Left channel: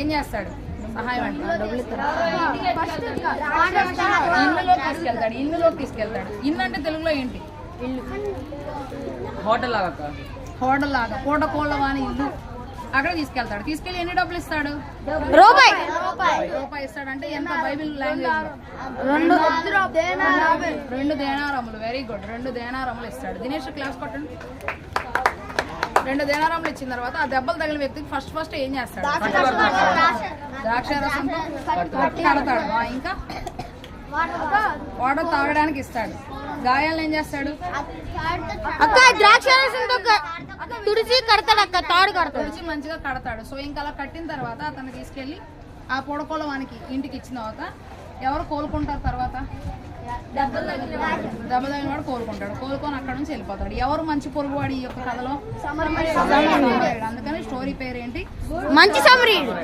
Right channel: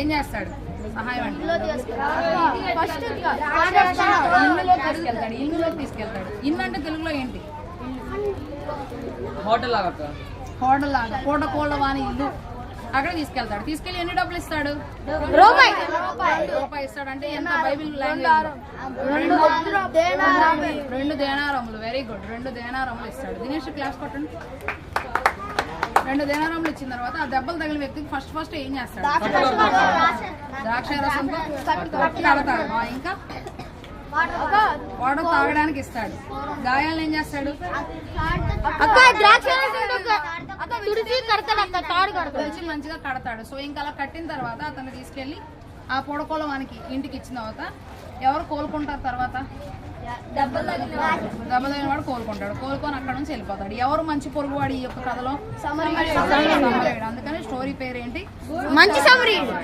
ఏం చేస్తాడు? సహాయం అంటే ఇల్లులోకి తీసుకెళ్తాడు. ఇల్లు అంటే తెలుగులో ఏంటి? హోటల్ లాగా పూట కోళ్ళ వాని ఇల్లు. అక్కడ తీసుకెళ్తాడు. తీసుకెళ్లి ఎన్ని డబ్బులు ఇస్తాడు? రూపాయి ఇస్తాడు. అంటే ఎంత బైబిల్ లాంగ్వేజ్ లో? 2 దేనారములు. Very good. 2 దేనారములు ఇస్తాడు. దినేష్ క్లాస్ కొట్టండి. 2 దేనారములు ఇచ్చిన తర్వాత ఆ దెబ్బలు తగిలిన వ్యక్తికి ఫస్ట్ ఏం చేస్తాడు? ద్రాక్షారసంతో కడతాడు. ఇంకా వాటర్ తాగడానికి ఇస్తాడు. గాయాలను ఏం చేస్తాడు? తుడిచి మంచిగా కడతాడు. సో ఇంకా అలా కట్టిన తర్వాత అతను తీసుకెళ్లి ఆ పొడకోల వానికి ఇంటికి ఇచ్చిన తర్వాత ఎవరు కోలుకుంటారు? తర్వాత దెబ్బ తగిన వాడు కోలుకుంటాడు. కోలుకొని అక్కడ నుంచి వెళ్ళిపోతాడు. ఎవరు మంచి పొరుగువాడు ఈ యొక్క కథలో? సమరయుడు. అందుకని స్టోరీ పేరు ఏంటి? మంచి సమరయుడు.